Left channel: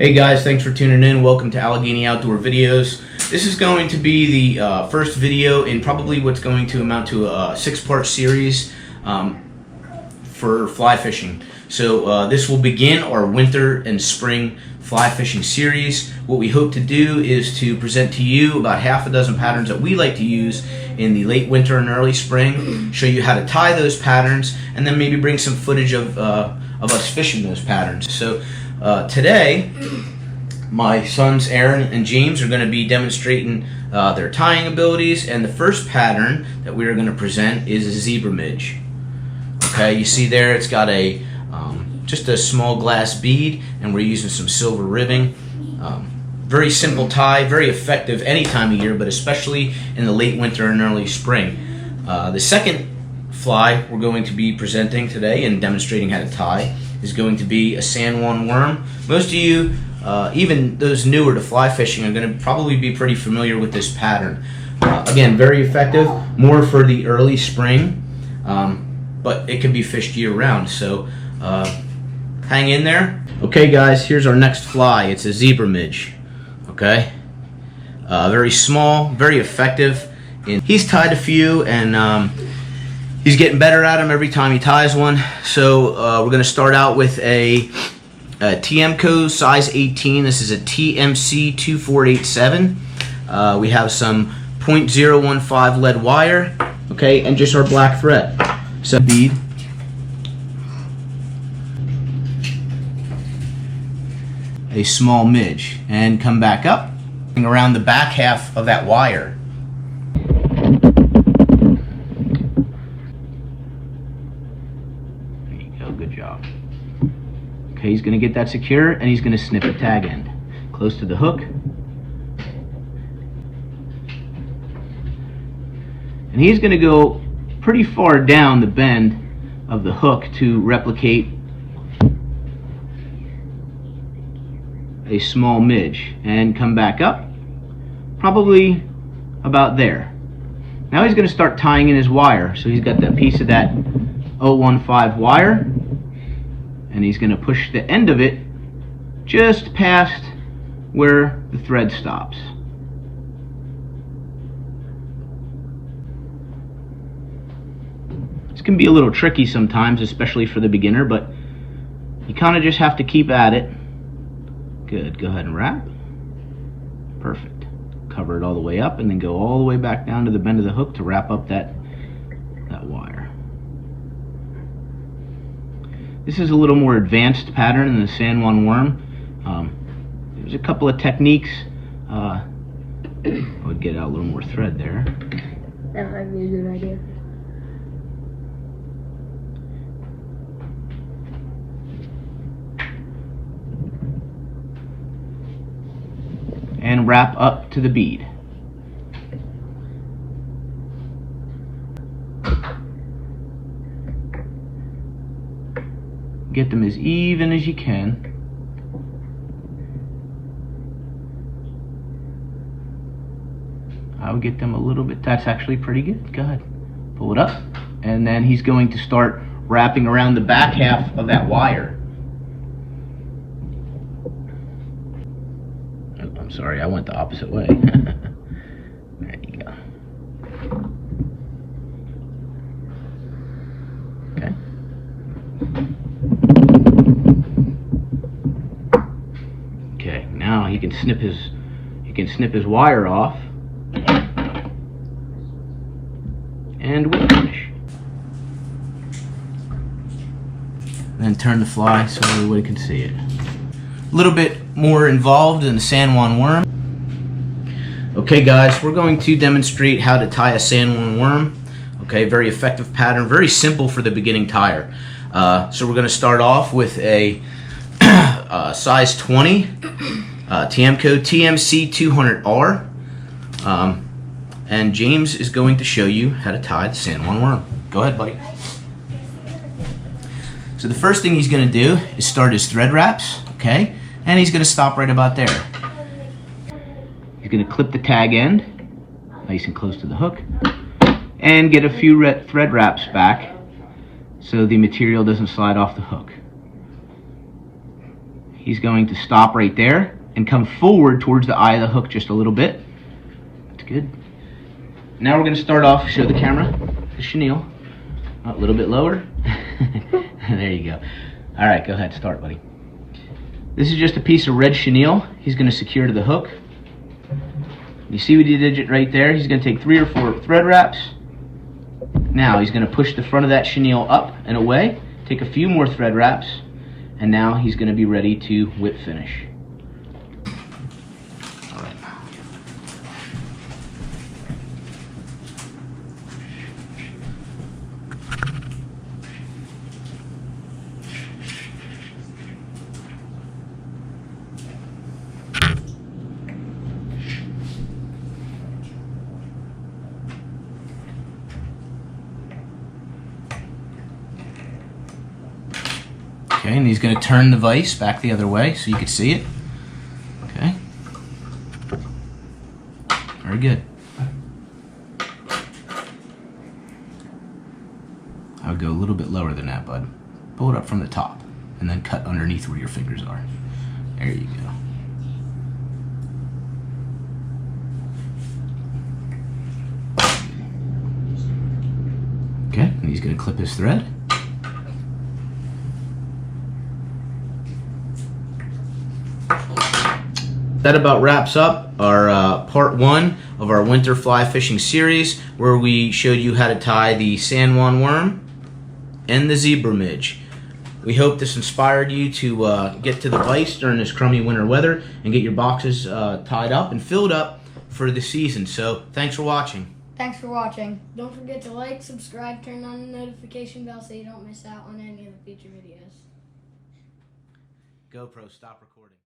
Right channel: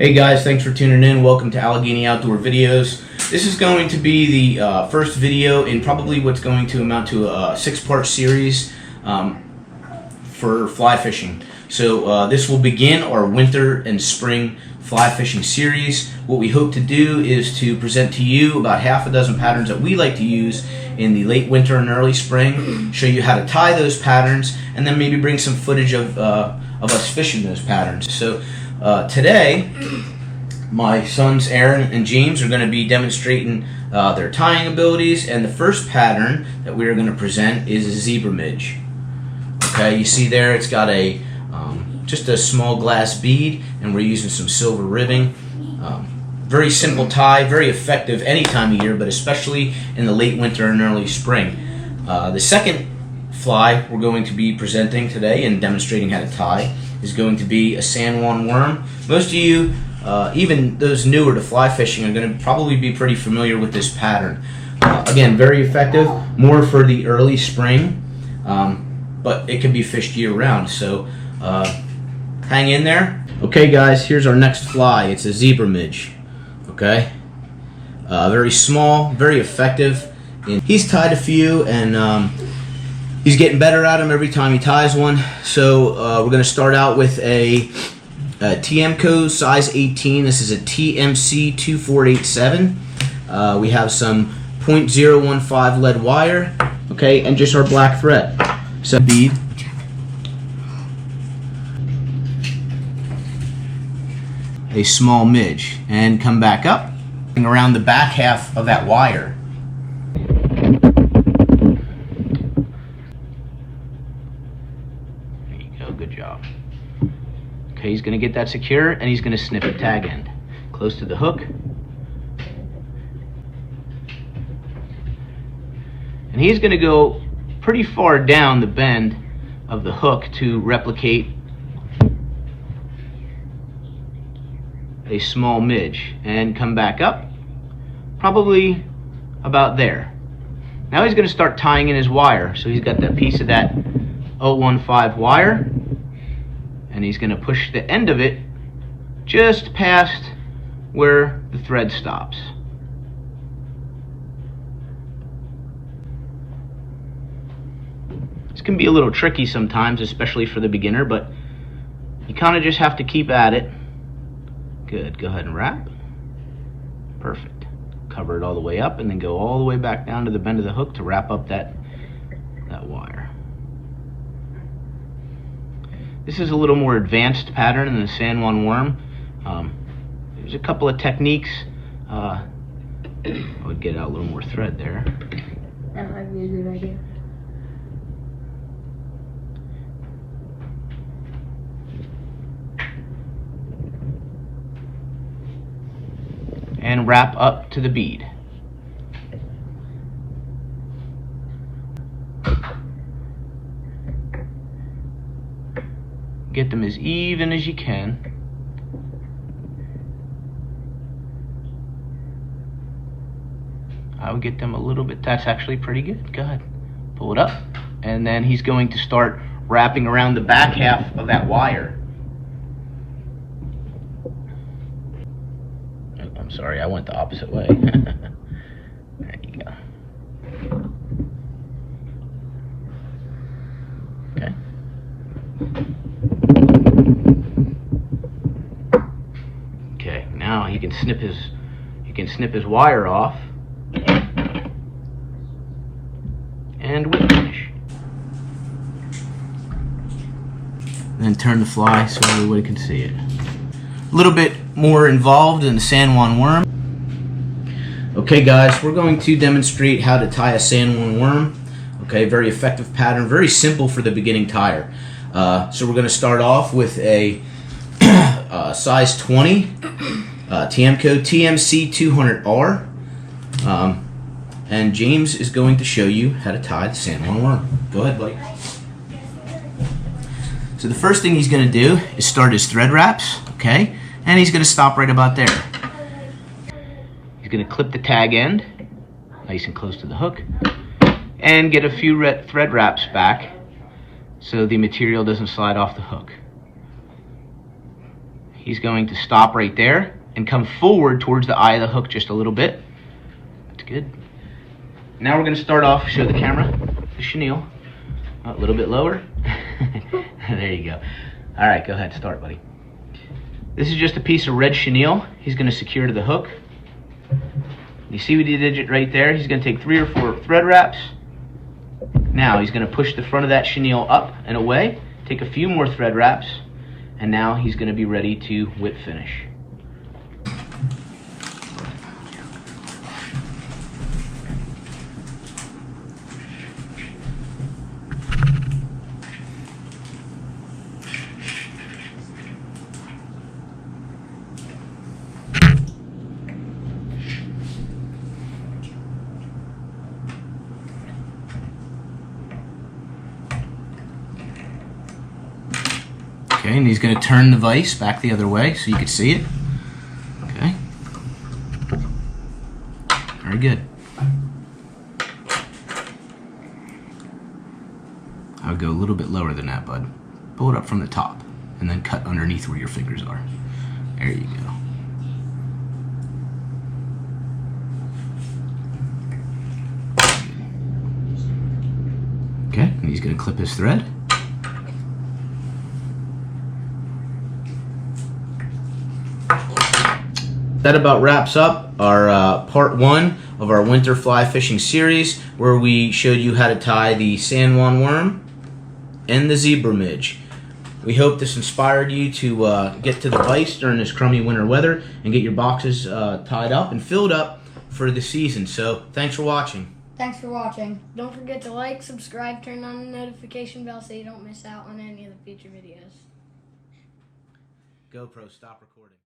Hey guys, thanks for tuning in. Welcome to Allegheny Outdoor Videos. This is going to be the first video in probably what's going to amount to a 6-part series for fly fishing. So this will begin our winter and spring fly fishing series. What we hope to do is to present to you about half a dozen patterns that we like to use in the late winter and early spring, show you how to tie those patterns, and then maybe bring some footage of us fishing those patterns. So today, my sons Aaron and James are going to be demonstrating their tying abilities, and the first pattern that we are going to present is a zebra midge. Okay, you see there it's got a just a small glass bead, and we're using some silver ribbing. Very simple tie, very effective any time of year, but especially in the late winter and early spring. The second fly we're going to be presenting today and demonstrating how to tie is going to be a San Juan worm. Most of you, even those newer to fly fishing, are going to probably be pretty familiar with this pattern. Again, very effective, more for the early spring, but it can be fished year-round, so hang in there. Okay guys, here's our next fly. It's a zebra midge. Okay, very small, very effective. He's tied a few, and he's getting better at them every time he ties one. So we're going to start out with a TMCO size 18. This is a TMC 2487. We have some .015 lead wire, okay, and just our black thread. So bead. A small midge, and come back up around the back half of that wire. There you go, good job. Okay, he's going to get that secure, and he's going to snip the tag end close to the hook. And he's going to go pretty far down the bend of the hook to replicate a small midge, and come back up probably about there. Now he's going to start tying in his wire. So he's got that piece of that 015 wire, and he's going to push the end of it just past where the thread stops. This can be a little tricky sometimes, especially for the beginner, but you kind of just have to keep at it. Good, go ahead and wrap. Perfect. Cover it all the way up, and then go all the way back down to the bend of the hook to wrap up that wire. This is a little more advanced pattern than the San Juan worm. There's a couple of techniques. I would get out a little more thread there. That might be a good idea. And wrap up to the bead. Get them as even as you can. I would get them a little bit. That's actually pretty good. Go ahead. Pull it up. And then he's going to start wrapping around the back half of that wire. Sorry, I went the opposite way. There you go. Okay. Okay, now he can snip his wire off, and we finish. Then turn the fly so everybody can see it. A little bit more involved in the San Juan worm. Okay guys, we're going to demonstrate how to tie a San Juan worm. Okay, very effective pattern, very simple for the beginning tyer. So we're going to start off with a size 20 TMCO TMC 200R, and James is going to show you how to tie the San Juan worm. Go ahead, buddy. So the first thing he's going to do is start his thread wraps, okay? And he's going to stop right about there. He's going to clip the tag end, nice and close to the hook, and get a few thread wraps back so the material doesn't slide off the hook. he's going to stop right there and come forward towards the eye of the hook just a little bit. That's good. Now we're going to start off, show the camera, the chenille. Oh, a little bit lower. There you go. All right, go ahead, start, buddy. This is just a piece of red chenille he's going to secure to the hook. You see what he did right there? He's going to take 3 or 4 thread wraps. Now he's going to push the front of that chenille up and away, take a few more thread wraps, and now he's going to be ready to whip finish. Okay, and he's going to turn the vise back the other way so you can see it. Okay. Very good. I would go a little bit lower than that, bud. Pull it up from the top and then cut underneath where your fingers are. There you go. Okay, and he's going to clip his thread. That about wraps up our part 1 of our winter fly fishing series, where we showed you how to tie the Juan Worm and the zebra midge. We hope this inspired you to get to the vise during this crummy winter weather and get your boxes tied up and filled up for the season. So thanks for watching. Thanks for watching. Don't forget to like, subscribe, turn on the notification bell so you don't miss out on any of the future videos. GoPro, stop recording.